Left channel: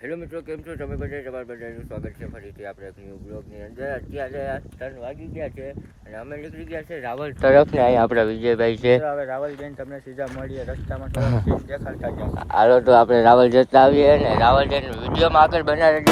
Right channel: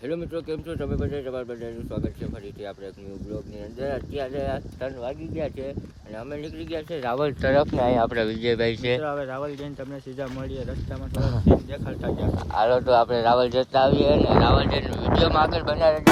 Hello મિત્રો કેમ છો? તમે બધા તમારા બધાનું સ્વાગત છે. ફરીથી આપણે એક ન્યૂ બ્લોગની અંદર. અત્યારે આ ત્રણ વાગી ગયા છે અને અમે નીકળી ગયા છે રાવલ તરફ ને અહીંયા આપણા વિજયભાઈ છે. હવે રાવલ જઈને તમને સીધા મળીએ. રસ્તામાં થોડા દેખાડતા જ હાલો તો આપણે રાવલ જતા આવીએ ને રાવલ જઈને વિડીયોમાં આગળ બનાવી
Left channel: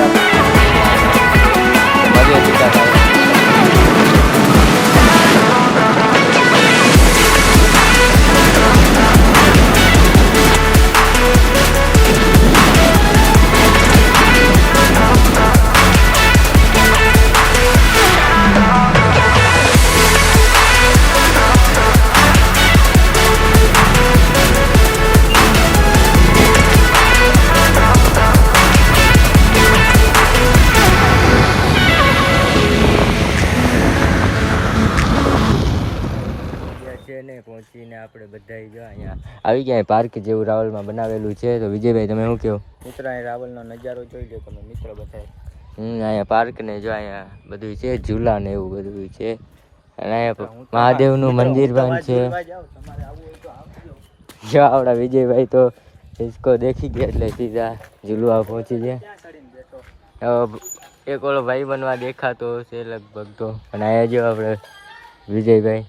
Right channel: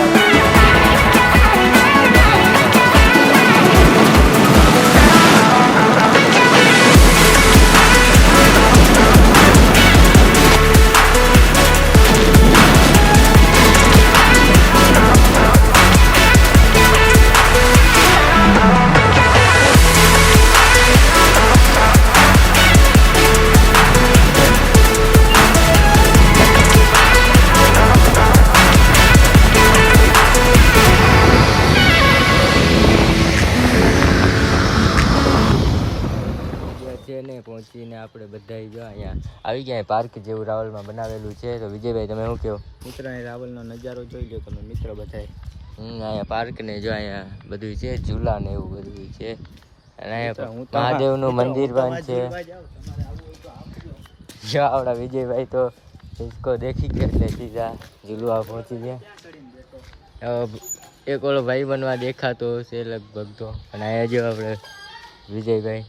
અહીંયા આવી ગયા પાર્ક જેવું રાવલમાં બનાવેલું છે. તો વિજયભાઈ તમે શું કહો? મિત્ર અહીં રાવલનો નજારો જોઈ લો તમે મિત્ર બધાય. હમ અહીંયા પાર્ક ને જો અહીંયા બધું છે ઝૂલા ને એવું બધું છે. અને અહીંયા મહાદેવનું મંદિર પણ છે. જો આપણા વિજયભાઈ તો ડિસ્કો દેખી ગયા એટલે સીધા ઝૂલવા પહોંચી ગયા. એક ઓલો ભાઈ બનવા દેખાતો છે લગભગ તો. અને અહીંયા જો આપણે વિજયભાઈ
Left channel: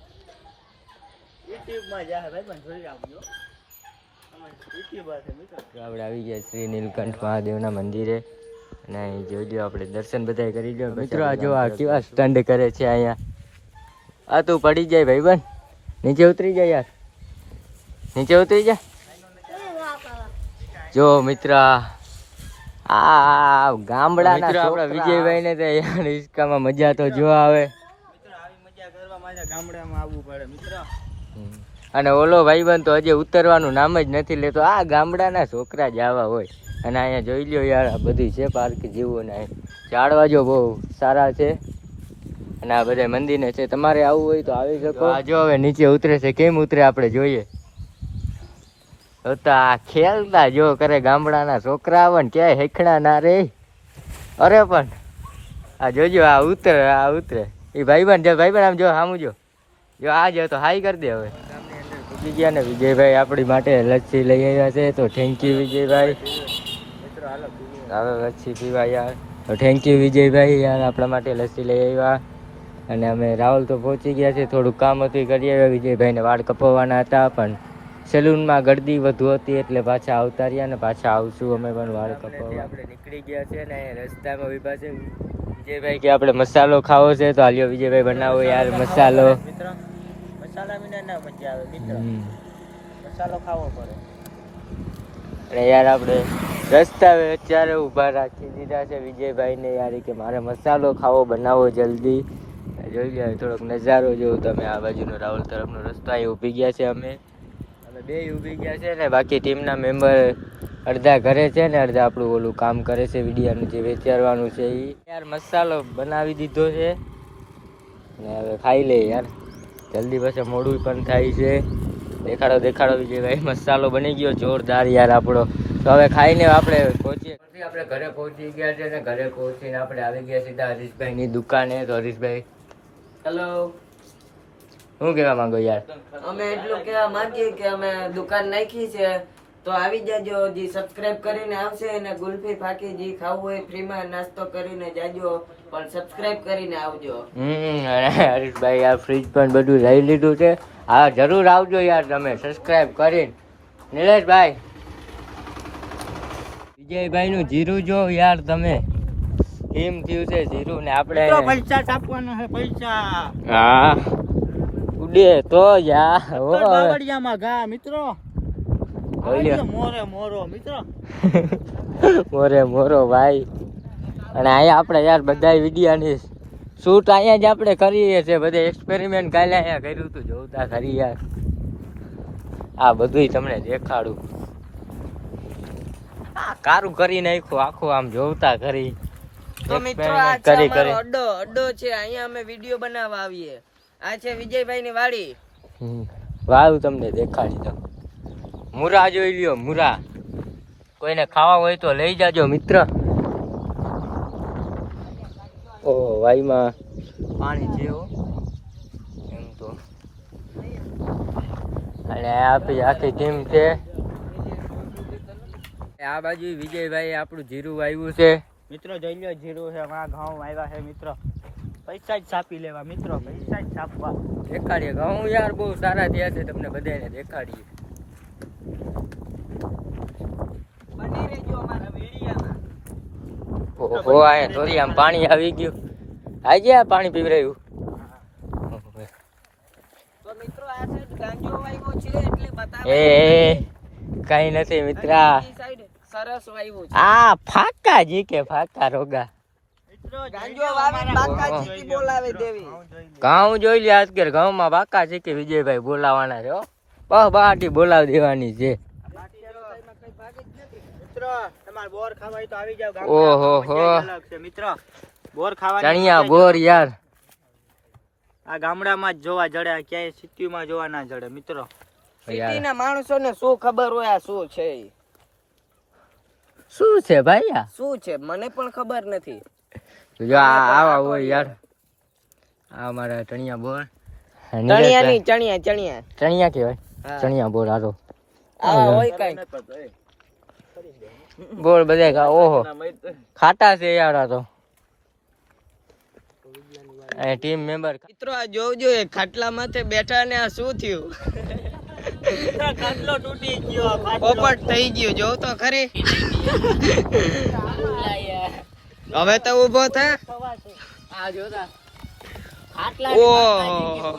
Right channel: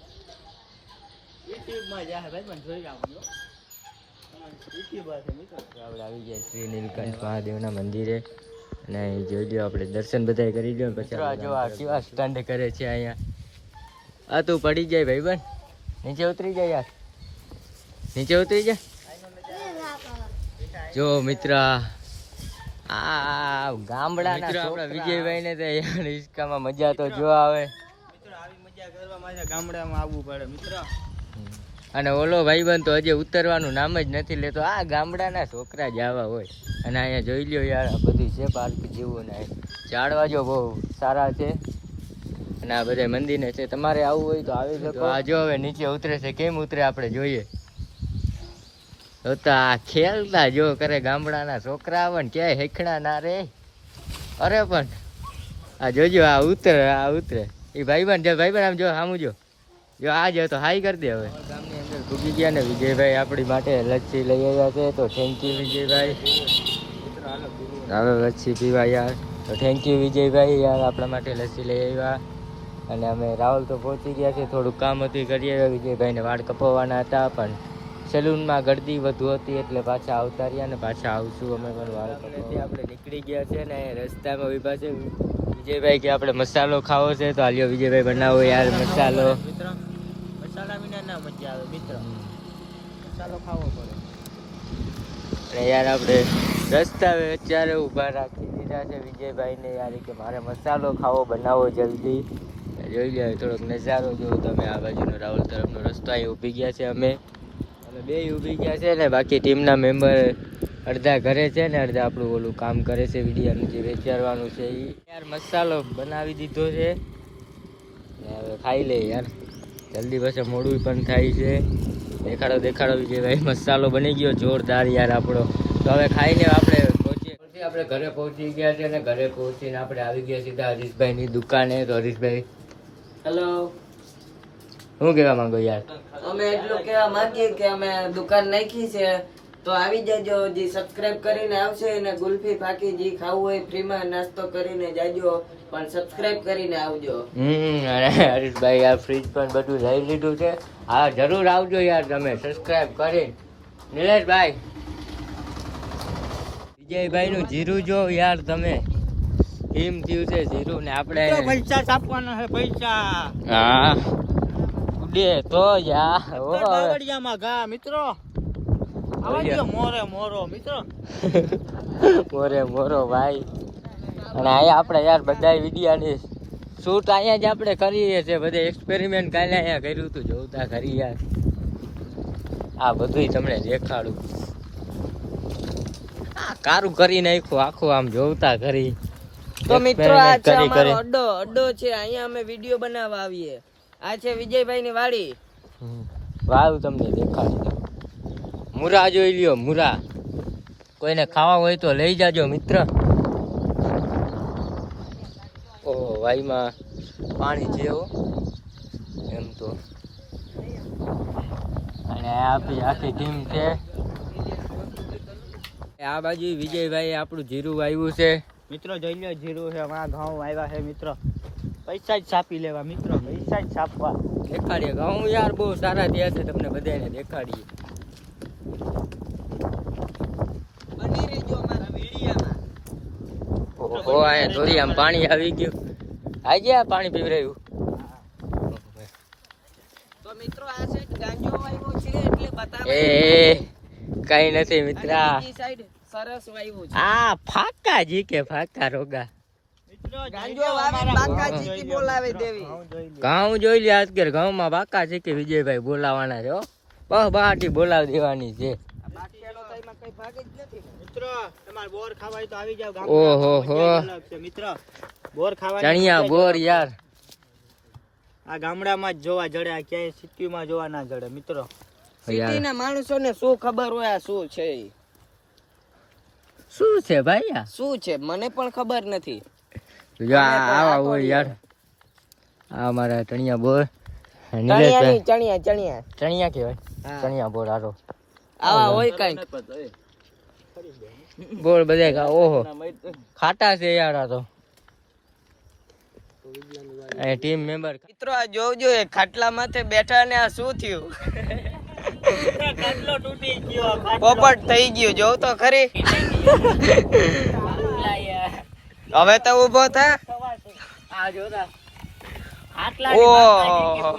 યુટ્યુબમાં જાહે ભાઈ પણ આવજો. તમારી યુટ્યુબર છે મિત્ર. આપણે આવી ગયા શ્રી નીલકંઠ મહાદેવના મંદિરે. અને અહીં જોઈ લો આપણે દર્શન બધાય કરી લો મિત્રો જો આ કેવા સ્ટંડ કરે છે અહીંયા. આ તું પડી જાય ભાઈ બન નીચે ઉતરી જાય યાર. નીચે ઉતરી જા. જો મિત્ર આ ગામડા મિત્ર આપણા વિજયભાઈ ને તો યાર હિસકામાં મજા તો જો આવે. મિત્ર આવી મજા કરવા ગામડામાં આવવું પડે મિત્ર. અને ઓલો ભાઈબંધ તો હજી ઉતરવાનું નામ જ નથી લેતો. આ ગામડાના છોકરા જ આવા હોય. અને અહીંયા જોઈ લ્યો યાર, આ બધી છે પાર્ક જેવું ને ઝાડવા જો બહુ સારા છે. અને આ બધા મંદિરને છે. તમારે આવવું હોય તો આવી શકો. આ જો હવે નીચે ઉતરે છે. કેમ ઉતરે આપણે જોઈએ. તો આ ખેલતા જો કરે ગામડાના છોકરા આવે ને ક્યાંય હેખણા ના રે. અરે પણ આ જોજો, આ ઉતરે આ ઉતરે. એ ભાઈબંધ જો, ભાઈબંધ આમ જો સામું જો. જો આ જો તો હાઈ કરી દે હવે. ગામની અંદર ગયા ને વિજયભાઈ આપણી માટે લચ્છી લઈ આવ્યા છે તો થેન્ક યુ વિજયભાઈ. હવે લચ્છી પીવા યાર. તો થેન્ક યુ વિજયભાઈ યાર આપણા માટે લસ્સી લઈ આવ્યા. અને અમે રાહુલ તો પહોંચી ગયા છે થોડું કામ હતું કરીએ કરી આવ્યા. વિજયભાઈને વાળ કપાવવાના હતા પણ સેલૂનમાં ગળદી વધુ હતી એટલે પાછા આવતા રહ્યા ને પાછા આવશું. અમે પણ વાળ. આપણે નીકળી ગયા છે ને રસ્તામાં ઊભા છે. વિજયભાઈ કે આપણે મસાલો ખાવો છે તો હાલ્યો વિજયભાઈ બનાવો યાર મસાલો. મિત્ર મસાલા વિના ના મજા આવે મિત્ર. મસાલો ખાવો પડે. અને યાર આપણે રસ્તા અત્યારે ઊભા રાખી દીધા છે વિજયભાઈને યાર કે મારે મસાલો ખાવો બનાવો જલ્દી. જોઈ લે થોડોક નજારો જોઉં તમે આ બાજુનો રાહુલ તરફનો રસ્તો અહીં ઊભી ગયા છે અમે. અમે બે ઊભી ગયા છે ને બાકી ટીમના મેમ્બર અડધા ઘરે છે ને અડધા આપણું ઓલું કામ કરે છે વિડીયાનું જે વેચારવાનું છે એ યાર મસાલો બનાવી દીધો છે. ને હવે ખાઈ લે યાર. જલ્દી પછી મોડું પણ થાય છે. દેખાડો દેખાડો વિજયભાઈ મસાલો બની ગયો. જોરદાર યાર આપણો. તો હવે ખાઈને આપણે પહોંચીએ. આપણે ઘરે પહોંચી ગયા છે ને ઘરે પહોંચીને આપણે આવી ગયા સીધા હરીશભાઈની દુકાને. તો હરીશભાઈ હેલો શું કહેવા માંગો યાર? અમે એટલું કહેવા માંગીએ કે અમે દુકાન નાખી છે. તો આવી જજો જે સબસ્ક્રાઇબ કરીને આવશે અને ગુલ્ફી ફાકી જે ખાવું હોય ફ્રીમાં નાસ્તો કરીને જાજો પણ સબસ્ક્રાઇબ કરીને આવજો. હમ હરીશભાઈ આ ફ્રીજ પણ બધું લઈ લીધું છે. હા જરૂર આવજો યાર તમે સબસ્ક્રાઇબ કરીને. નિલેશભાઈ. વિજયભાઈ નું જીરું જો યાર તમે. કેમ થયું છે જીરું ને આપણે? તો પૈસા છાપવાના છે પૈસા. હા. ઉડે તો યા અક્કડ બાવળિયામાં ઘા મિત્રો. આવજો મોરે મોરો મિત્રો. મોરે મોરો ભાઈ. અને અહીંયા આપણે યાર બધા વિડીયાની શૂટ અહીંયા જ આપણે કરીએ છીએ. બધે એક્સપેરિમેન્ટ કાલે અહીંયા કર્યું હતું. જોતા ખરી યાર. આ બધુંય તમને દેખાડું. આ કારું કરી નાખ્યું. આખું આમ જોતા ખરી. તો મિત્રો આ છે કરી અમારો અડ્ડો. અડ્ડો છે. અહીંયા અમે વીડિયો બનાવવા આવીએ. આ છે વિજયભાઈ ની વાડી. વાળું વાવ તમને દેખાડી દઉં. મુરા જોઈ લ્યો મુરા. કોઈને ખાવા હોય તો લઈ જાજો મિત્ર. ઓહો વાઈમાં પાણી છે એમ તો. અને આપણી આખી ટીમ છે. આ બાજુ વિજયભાઈ આપણું જીરું આવ્યું છે. મિત્રો જોઈ લો જીરું છે માં ઘઉં આવ્યા છે મિત્રો. પૈસા જ છાપી લેવા મિત્રો. પૈસા જ છાપવા. દેખાડીએ. ઘઉં યાર બહુ સારા થયા છે તમને બધાને દેખાડીએ બની રહેજો અમારા વિડીયામાં ઓ આયા થોડી આમ પાણી આવી ગયું. આજે આ પાણી પીવી રહ્યું તો મિત્રો આ સાઈડ ગાંજો વાયવો છે એટલે બતાવે. એ કઈ નથી મિત્રા. સાઈડ સરસ વાયવો છે. આ ફાકા જી કે ફાકા રોગા. જોઈ લો ઘઉં. ચીકી બોલાવે દેવી ઘઉં જોઈ લો. ઘઉં જોઈ લે આજ કે ઘઉંમાં બાકા છે કે વિજયભાઈ બોલાવાના છે હો. બહાટી બોલાવી દેવાની છે. કઈ મિત્રો તમારે બોર ખાવાય તો આવી જાવ ઓહો હો. ગામડામાં અલગ છે મિત્રો. બોર ખાવા ચણિયા બોર યાર. આ ગામડામાં જ જોવા જડે આ ક્યાંય સિટીમાં જોવા ના જડે મિત્રો. સિટીના માણસોને શું ખબર હોય આ શું છે શું છે ભાઈ આ? શું છે? મને પણ ખબર નથી. જો આવા હોય યાર. આ મારા ચણિયા બોર. ચણિયા ચણિયા ચણિયા. કહેવાય. ચણિયા બોર આરો આવા હોય કંઈક. બોર બધા ખા ઓહો. ખાટા છે યાર તો. એ ટીમ મેમ્બર મિત્રો આ જોજો એ ખાટલા માથે બેઠા ને આ શું થયું? ખાટલો તૂટી ગયો પોપટ થઈ ગયો જોવ તો ખરી. હવે તો ઊભો થા. આ જોતા. ઓહો.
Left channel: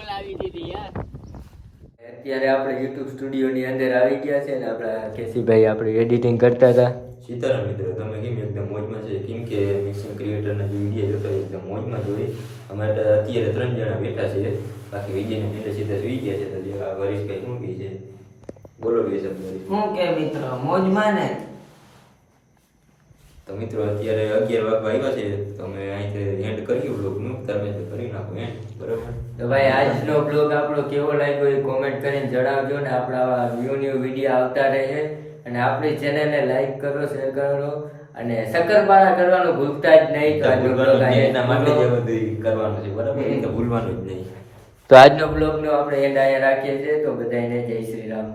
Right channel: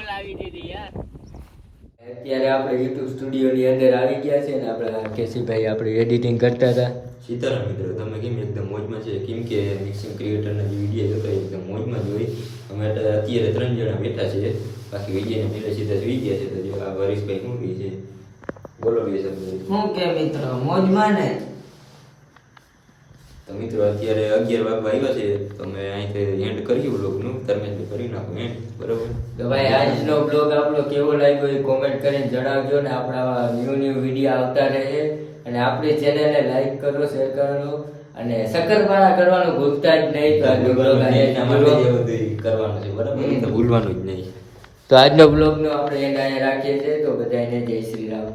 અત્યારે આપણે યુટ્યુબ સ્ટુડિયોની અંદર આવી ગયા છે ને આપણા કેસીભાઈ આપણે એડિટિંગ કરતા હતા. સીતારામ મિત્રો તમે કેમ એકદમ મોજમાં છે? કેમ કે મિક્સિંગ ક્રિએટરના જે વીડિયો જોતા એકદમ મોજમાં જોઈ અમે અત્યારે ત્રણ જણા બેઠા છે. બાકી વિડીયોને મેળે સીધા સુઈ ગયા છે. તો જે આ વરીશભાઈ શું કહે છે? બોલો કે છે હું કે મિત્રો મોજમાં ને? તો મિત્રો અત્યારે અગિયાર વાગવા આવ્યા છે. તમે અહીંથી એન્ડ કર્યું બ્લોગનું ધર્મેશભાઈ કરી નાખો એન્ડ બરોબર? તો ભાઈ આજનો બ્લોગ આપણો કેવો લાગ્યો એ કોમેન્ટ કરીને જણાવજો ને આપણા ન્યૂ ન્યૂ વીડિયો આવતા રહે. અને આપણી ચેનલને લાઈક કરો શેર કરો. અને શક્કરપારા કરવાનું ભૂલતા જ નહીં તો આજનો બ્લોગ આજે કરવાનું છે. બરાબર? ભૂલવાનું જ નહીં. તો આજનો બ્લોગનો આપણે એન્ડ અહીંયા રાખીએ છીએ. તો બધાને જય શ્રી રામ.